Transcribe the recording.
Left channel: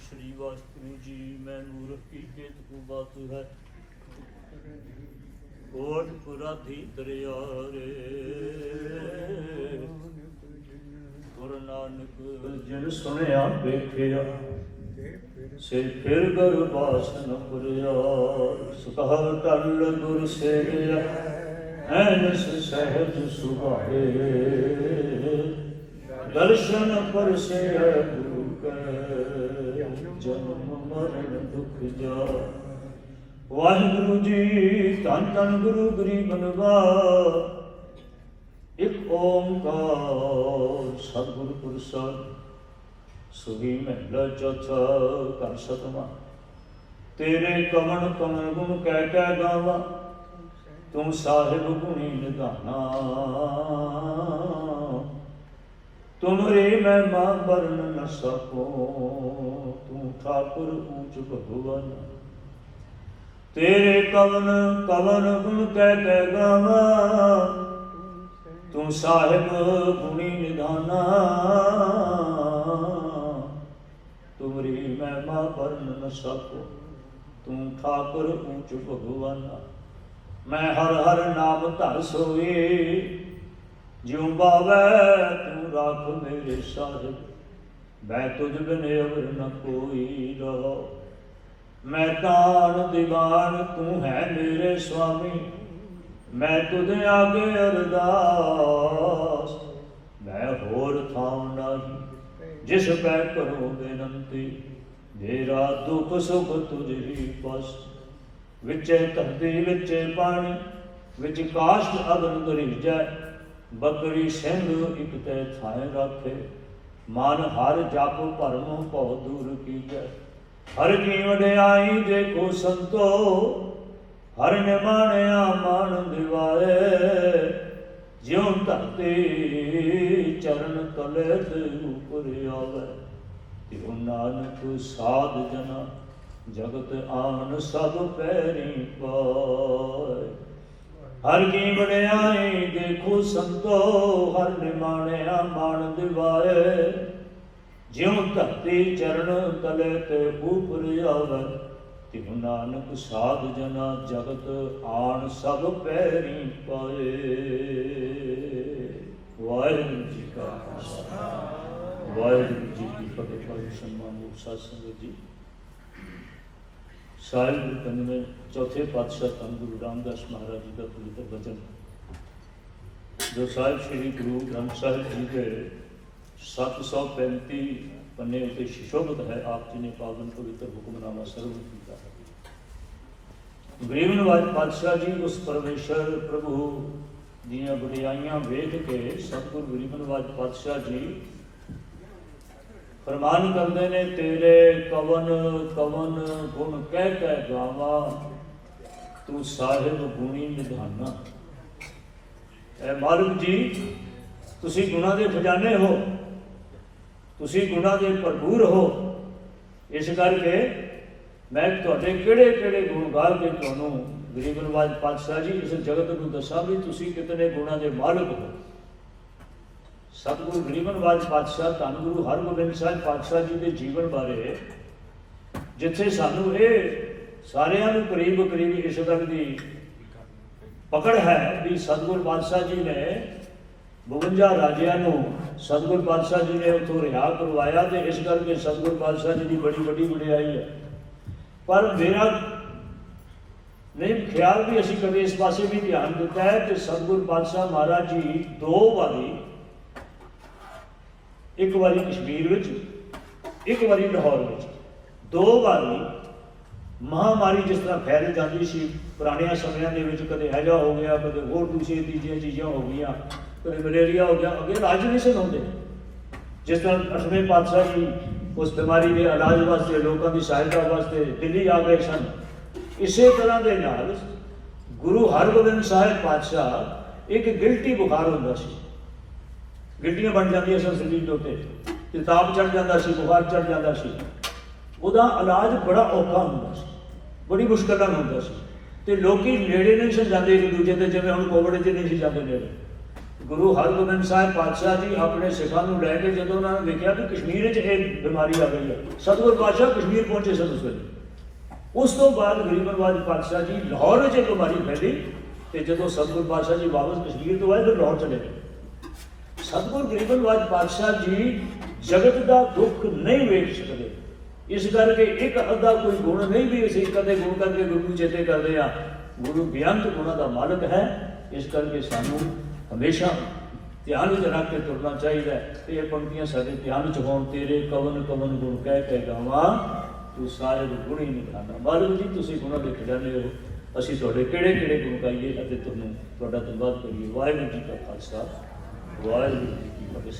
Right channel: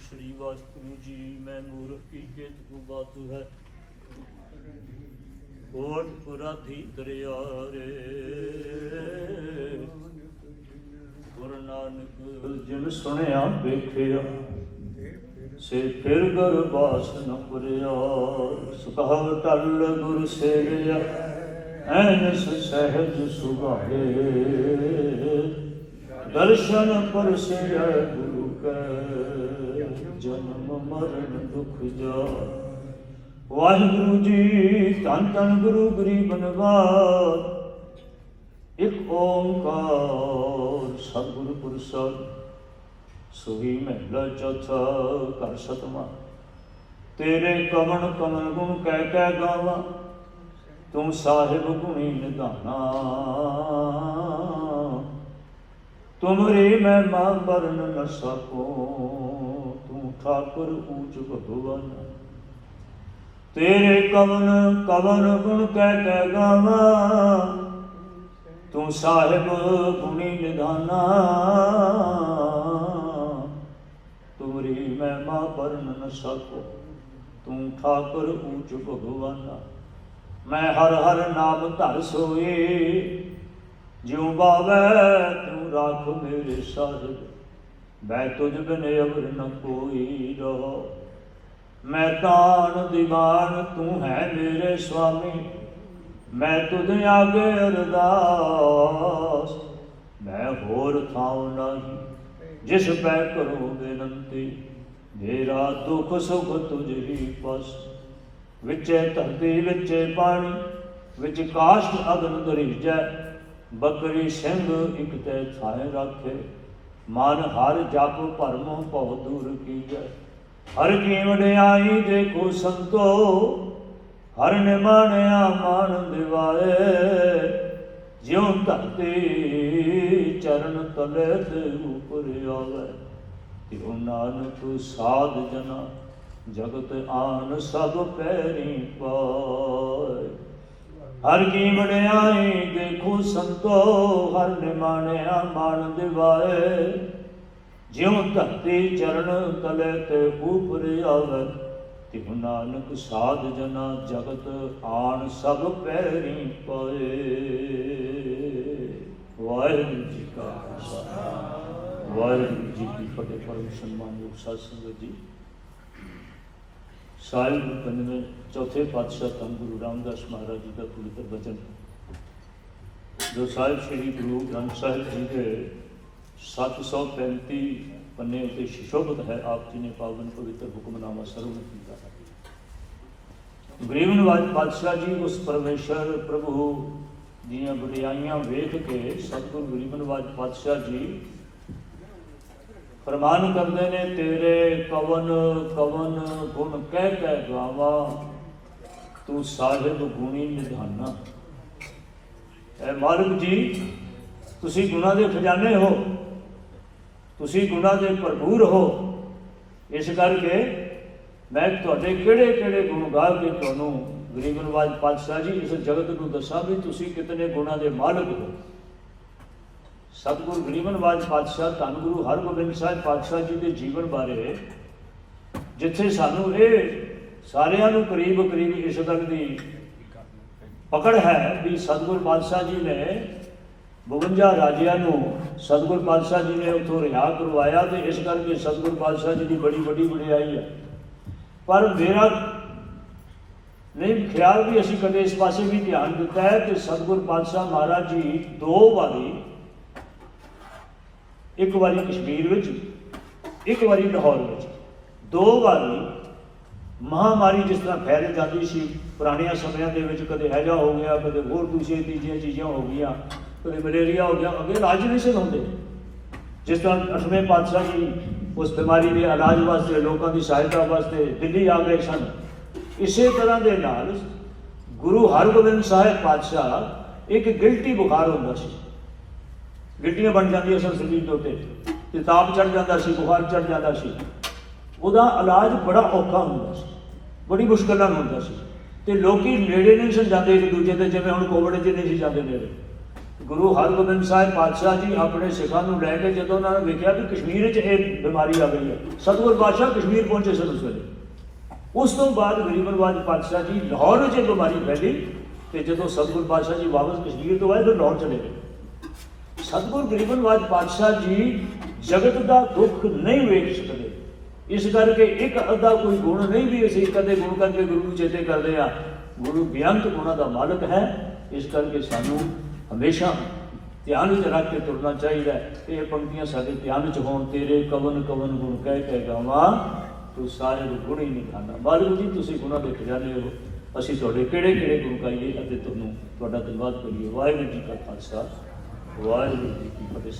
ਸ੍ਰੀ ਵਾਸਕੁਰੂ ਜੀ, ਮੈਂ ਮੂਰਖ ਕੀ ਜੇਤ ਕੋ ਬਾਤ ਹੈ। ਕੋਟ ਪੁਰਾਧੀ ਦਰਿਆ ਰੇ ਗੁਰੂ ਨਾਨਕ ਜਿਨ ਸੁਣਿਆ ਵੇਖਿਆ, ਸੇ ਫਿਰ ਗੁਰ ਬਾਸਨ ਪੁਰਿਆ। ਸੁਖਾਵ ਟਲ ਗੁਰ ਸੇਵਿਆ ਐਨਸ ਸਹਿਜ ਸੁਭਾਏ ਦਰਸ਼ਨ ਪਰਸੇ ਗੁਰੂ ਕੈ। ਜਨਮ ਮਰਨ ਦੁਖ ਜਾ ਵਾਹਿਗੁਰੂ ਜੀ, ਧੰਨ ਧੰਨ ਗੁਰੂ ਗਰੀਬ ਨਵਾਜ ਇਕ ਓੰਕਾਰ ਸਤਿਗੁਰ ਪੁਰਸ਼ਦ ਸੁਹੀ ਮਹਿਲਾ ਚੌਥਾ ਕਰ ਸਤਮਾ। ਤੇਰੇ ਕਵਣ ਕਮਣ ਗੁਣ ਕਹਿ ਕਹਿ ਗਾਵਾ, ਤੁਮ ਸਾਹਿਬ ਗੁਣੀ ਨਿਧਾਨਾ। ਤੁਮਰੇ ਮੈਂ ਮਾਂ ਵਰਨ ਨ ਸਕੋ, ਤੂੰ ਠਾਕੁਰ ਊਚ ਭਗਵਾਨ। ਤੇਰੇ ਕਵਨ ਕਵਨ ਗੁਣ ਕਹਿ ਕਹਿ ਗਾਵਾ, ਤੂੰ ਸਾਹਿਬ ਗੁਣੀ ਨਿਧਾਨਾ ਤੁਮਰੀ ਮਹਿਮਾ ਪਰਨ ਨ ਸਕੋ, ਤੂੰ ਠਾਕੁਰ ਊਚ ਭਗਵਾਨ। ਮੈਂ ਹਰ ਹਰ ਨਾਮ ਧਰ ਸੋਏ ਜਿਉ ਬਾਵੈ ਤੂੰ ਰੱਖ ਮੇਰੇ ਸਾਹਿਬ ਮੈਂ ਤੁਝ ਬਿਨ ਅਵਰ ਨ ਕੋਈ ਰਹਾ। ਮੈਂ ਤਾਣ ਦੀਵਾਨ, ਤੂੰ ਹੈ ਮੇਰੇ ਸੁਆਮੀ ਮੈਂ ਤੁਧ ਆਗੇ ਅਰਦਾਸ। ਮੈਂ ਹੋਰ ਥਾਉ ਨਹੀਂ, ਜਿਸ ਪੈ ਕਰੋ ਬੇਨੰਤੀ, ਮੇਰਾ ਦੁੱਖ ਸੁਖ ਤੁਝ ਹੀ ਪਸ। ਵਿਚੇ ਧਰਤੀ, ਵਿਚੇ ਪਾਣੀ, ਵਿੱਚ ਕਾਸ਼ਟ ਅਗਨ ਦਰਿਜੈ ਬੱਕਰੀ ਸਿੰਘ ਇਕ ਤੇ ਥਾਏ ਰਾਖੇ। ਮਨ ਹਰ ਜਪ ਭਰਮ ਭਉ ਦੂਰ ਕੀਜੈ। ਹਰ ਕੀ ਵਡਿਆਈ ਦੇਖੋ ਸੰਤੋ, ਹਰ ਨੇ ਮਾਣਿਆ ਮਾਣ ਦਿਵਾਏ। ਜਿਉ ਧਰਤੀ ਚਰਨ ਤਲੇ ਤੇ ਉਪਰ ਆਵੇ। ਤਿਉ ਨਾਨਕ ਸਾਧ ਜਨਾ, ਜਗਤ ਆਨ ਸਭ ਪੈਰੀ ਪਾਏ। ਹਰ ਕੀ ਵਡਿਆਈ ਦੇਖੋ ਸੰਤੋ, ਹਰ ਨੇ ਮਾਣਿਆ ਮਾਣ ਦਿਵਾਏ ਜਿਉ ਧਰਤੀ ਚਰਨ ਤਲੇ ਤੇ ਉਪਰ ਆਵੇ ਤਿਹੁ ਨਾਨਕ ਸਾਧ ਜਨਾ ਜਗਤ ਆਣ ਸਭ ਪੈਰੀ ਪਾਏ। ਵਾਹਿਗੁਰੂ ਜੀ ਕਾ ਖਾਲਸਾ। ਵਾਹਿਗੁਰੂ ਜੀ ਕੀ ਫਤਿਹ। ਪੜ੍ਹ ਸਨਮਾਨਯੋਗ ਸਾਧ ਸੰਗਤ ਜੀ। ਸਾਹਿਬ ਪੰਜਵੇਂ, ਚੌਥੇ ਪਾਤਸ਼ਾਹ ਧੰਨ ਗੁਰੂ ਰਾਮਦਾਸ ਮਹਾਰਾਜ ਜੀ ਦਾ ਪਵਿੱਤਰ ਬਚਨ। ਜੋ ਸਾਹਿਬ ਸ੍ਰੀ ਗੁਰੂ ਗ੍ਰੰਥ ਸਾਹਿਬ ਜੀ ਦੇ 735 ਪੰਨੇ ਉਤੇ ਸ਼ਿਸ਼ੋਭਤ ਹੈ, ਆਪ ਜੀ ਨੇ ਪਾਵਨ ਪਵਿੱਤਰ ਹੁਕਮਨਾਮਾ ਸਰਵਣ ਕੀਤਾ ਹੈ। ਗਰੀਬ ਨਿਵਾਜ ਪਾਤਸ਼ਾਹ ਜੀ, ਉਸ ਪਰਮੇਸ਼ਰ ਪ੍ਰਭੂ ਦੀਆਂ ਬੜਾਈਆਂ ਵੇਖ ਕੇ ਸਤਿਗੁਰੂ ਗਰੀਬ ਨਿਵਾਜ ਪਾਤਸ਼ਾਹ ਜੀ ਫਰਮਾਨ ਕਰਦੇ ਨੇ, ਤੇਰੇ ਕਵਨ ਕਵਨ ਗੁਣ ਕਹਿ ਕਹਿ ਗਾਵਾ। ਤੂੰ ਸਾਹਿਬ ਗੁਣੀ ਨਿਧਾਨਾ। ਐ ਮਾਲਕ ਜੀ, ਤੁਸੀਂ ਗੁਣਾ ਦੇ ਖਜ਼ਾਨੇ ਹੋ। ਤੁਸੀਂ ਗੁਣਾ ਦੇ ਭਰਪੂਰ ਹੋ। ਇਸ ਕਰਕੇ ਮੈਂ ਤੁਹਾਡੇ ਕਿਹੜੇ ਕਿਹੜੇ ਗੁਣ ਗਾ ਕੇ ਤੁਹਾਨੂੰ, ਗਰੀਬ ਨਵਾਜ ਪਾਤਸ਼ਾਹ ਜੀ, ਇਸ ਜਗਤ ਨੂੰ ਦੱਸਾਂ ਵੀ ਤੁਸੀਂ ਕਿਤਨੇ ਗੁਣਾ ਦੇ ਮਾਲਕ ਹੋ। ਸਤਿਗੁਰੂ ਗਰੀਬ ਨਵਾਜ ਪਾਤਸ਼ਾਹ, ਧੰਨ ਗੁਰੂ ਹਰਗੋਬਿੰਦ ਸਾਹਿਬ ਪਾਤਸ਼ਾਹ ਜੀ ਦੇ ਜੀਵਨ ਬਾਰੇ, ਜਿੱਥੇ ਸਾਨੂੰ ਇਹ ਸਾਰਿਆਂ ਨੂੰ ਕਰੀਬ ਕਰੀਬ ਇਸ ਤੱਕ ਦੀ ਪਕੜ ਹੈ ਵੀ ਸਤਿਗੁਰ ਪਾਤਸ਼ਾਹ ਜੀ ਨੇ 52 ਰਾਜਿਆਂ ਨੂੰ ਸਤਿਗੁਰ ਪਾਤਸ਼ਾਹ ਜੀ ਨੇ ਉਥੋਂ ਰਿਹਾ ਕਰਵਾਇਆ ਤੇ ਇਸ ਕਰਕੇ ਸਤਿਗੁਰ ਪਾਤਸ਼ਾਹ ਜੀ ਦੀ ਬੜੀ ਵੱਡੀ ਵਡਿਆਈ ਹੈ। ਪਰ ਮੇਰਾ ਨਹੀਂ ਖਿਆਲ ਵੀ ਅਸੀਂ ਕਦੇ ਇਸ ਪਾਸੇ ਵੀ ਧਿਆਨ ਦਿੱਤਾ ਹੈ ਕਿ ਸਤਿਗੁਰ ਪਾਤਸ਼ਾਹ ਮਹਾਰਾਜ ਜੀ ਦੋ ਵਾਰੀ ਇੱਕ ਵਾਰੀ ਕਸ਼ਮੀਰ ਵਿੱਚ, ਇੱਕ ਵਾਰੀ ਲਾਹੌਰ ਵਿੱਚ। ਦੋ ਵਾਰੀ ਮਹਾਮਾਰੀ ਜਿਸ ਤਰ੍ਹਾਂ ਫੈਲ ਜਾਂਦੀ ਸੀ, ਪੁਰਾਣਿਆਂ ਸਮਿਆਂ ਦੇ ਵਿੱਚ ਕਦੇ ਹੈਜਾ ਹੋ ਗਿਆ, ਕਦੇ ਹੋਰ ਦੂਸਰੀਆਂ ਤੀਜੀਆਂ ਚੀਜ਼ਾਂ ਹੋ ਗਈਆਂ, ਕਦੇ ਮਲੇਰੀਆ ਹੋ ਗਿਆ, ਅੱਗੇ ਇਲਾਜ ਨਹੀਂ ਸੀ ਹੁੰਦੇ। ਜਿਸ ਤਰ੍ਹਾਂ ਅਠਵੇਂ ਪਾਤਸ਼ਾਹ ਜੀ ਉਸ ਬਿਮਾਰੀ ਦੇ ਇਲਾਜ ਵਾਸਤੇ, ਲੋਕਾਂ ਦੀ ਸਹਾਇਤਾ ਵਾਸਤੇ ਦਿੱਲੀ ਆ ਗਏ ਸਨ। ਇਸੇ ਤਰ੍ਹਾਂ ਦੇ ਨਾਲ ਗੁਰੂ ਹਰਗੋਬਿੰਦ ਸਾਹਿਬ ਪਾਤਸ਼ਾਹ ਇੱਕ ਗਿਲਟੀ ਬੁਖਾਰ ਹੁੰਦਾ ਸੀ। ਗਿਲਟੀਆਂ ਬਣ ਜਾਂਦੀਆਂ ਸਨ ਸਰੀਰ ਦੇ ਉੱਤੇ ਕਿਤਾਬ ਤਾਪ ਚੜ ਜਾਂਦਾ ਸੀ, ਬੁਖਾਰ ਚੜ ਜਾਂਦਾ ਸੀ। ਉਹਦਾ ਇਲਾਜ ਬੜਾ ਔਖਾ ਹੁੰਦਾ ਸੀ, ਬੜੀ ਮੁਸ਼ਕਲ ਨਾਲ ਹੁੰਦਾ ਸੀ। ਤੇ ਲੋਕੀ ਨੇੜੇ ਨਹੀਂ ਸੀ ਜਾਂਦੇ ਇੱਕ ਦੂਜੇ ਦੇ ਜਿਵੇਂ ਹੁਣ ਕੋਵਿਡ 'ਚ ਨਹੀਂ ਸੀ ਜਾਂਦੇ ਨੇੜੇ। ਗੁਰੂ ਹਰਗੋਬਿੰਦ ਸਾਹਿਬ ਪਾਤਸ਼ਾਹ ਜੀ ਆਪਣੇ ਸਿੱਖਾਂ ਨੂੰ ਲੈ ਕੇ ਜਦੋਂ ਉਹਨਾਂ ਨੇ ਵੇਖਿਆ ਕਿ ਕਸ਼ਮੀਰ 'ਚ ਇਹ ਬਿਮਾਰੀ ਆ ਗਈ ਹੈ, ਸਤਿਗੁਰ ਪਾਤਸ਼ਾਹ ਕਸ਼ਮੀਰ ਪਹੁੰਚੇ ਸਨ ਉਸ ਵੇਲੇ। ਉਸ ਤੋਂ ਬਾਅਦ ਗਰੀਬ ਨਵਾਜ ਪਾਤਸ਼ਾਹ ਜੀ ਲਾਹੌਰ 'ਚ ਇਹ ਬਿਮਾਰੀ ਫੈਲੀ, ਤੇ ਜਦੋਂ ਸਤਿਗੁਰ ਪਾਤਸ਼ਾਹ ਜੀ ਵਾਪਸ ਕਸ਼ਮੀਰ ਤੋਂ ਆਏ ਤਾਂ ਲਾਹੌਰ ਚਲੇ ਗਏ। ਸਤਿਗੁਰ ਗਰੀਬ ਨਵਾਜ ਪਾਤਸ਼ਾਹ ਜੀ ਜਗਤ ਦਾ ਦੁੱਖ ਨਹੀਂ ਵੇਖ ਸਕਦੇ। ਇਸ ਕਰਕੇ ਇੱਕ ਅੱਧਾ ਕੋਈ ਗੁਣ ਨਹੀਂ ਵੀ ਅਸੀਂ ਕਦੇ ਗੁਣ ਕਰਕੇ ਗੁਰੂ ਨੂੰ ਚੇਤੇ ਕਰਦੇ ਆ ਗੁਰੂ ਬੇਅੰਤ ਗੁਣਾਂ ਦਾ ਮਾਲਕ ਹੈ। ਇਸ ਕਰਕੇ ਸਾਨੂੰ ਹਮੇਸ਼ਾ ਧਿਆਨ ਵਿੱਚ ਰੱਖ ਕੇ ਤੁਰਨਾ ਚਾਹੀਦਾ ਇਹ ਪੰਕਤੀਆਂ ਸਾਡੇ ਧਿਆਨ ਵਿੱਚ ਹੋਣ, ਤੇਰੇ ਕਵਨ ਕਵਨ ਗੁਣ ਕਹਿ ਕੇ ਗਾਵਾਂ, ਤੂੰ ਸਾਹਿਬ ਗੁਣ ਹੀ ਨਿਖਾਨਾ ਬਾਲੂ ਜੀ, ਤੁਸੀਂ ਗੁਣਾ ਦੇ ਖਜ਼ਾਨੇ ਹੋ। ਅਸੀਂ ਤੁਹਾਡੇ ਕਿਹੜੇ ਕਿਹੜੇ ਗੁਣ ਗਾਈਏ ਅਤੇ ਤੁਹਾਨੂੰ ਤੁਹਾਡਾ ਧੰਨਵਾਦ ਕਰੀਏ। ਵਾਹਿਗੁਰੂ ਜੀ ਕਾ ਖਾਲਸਾ। ਵਾਹਿਗੁਰੂ ਜੀ ਕੀ ਫਤਿਹ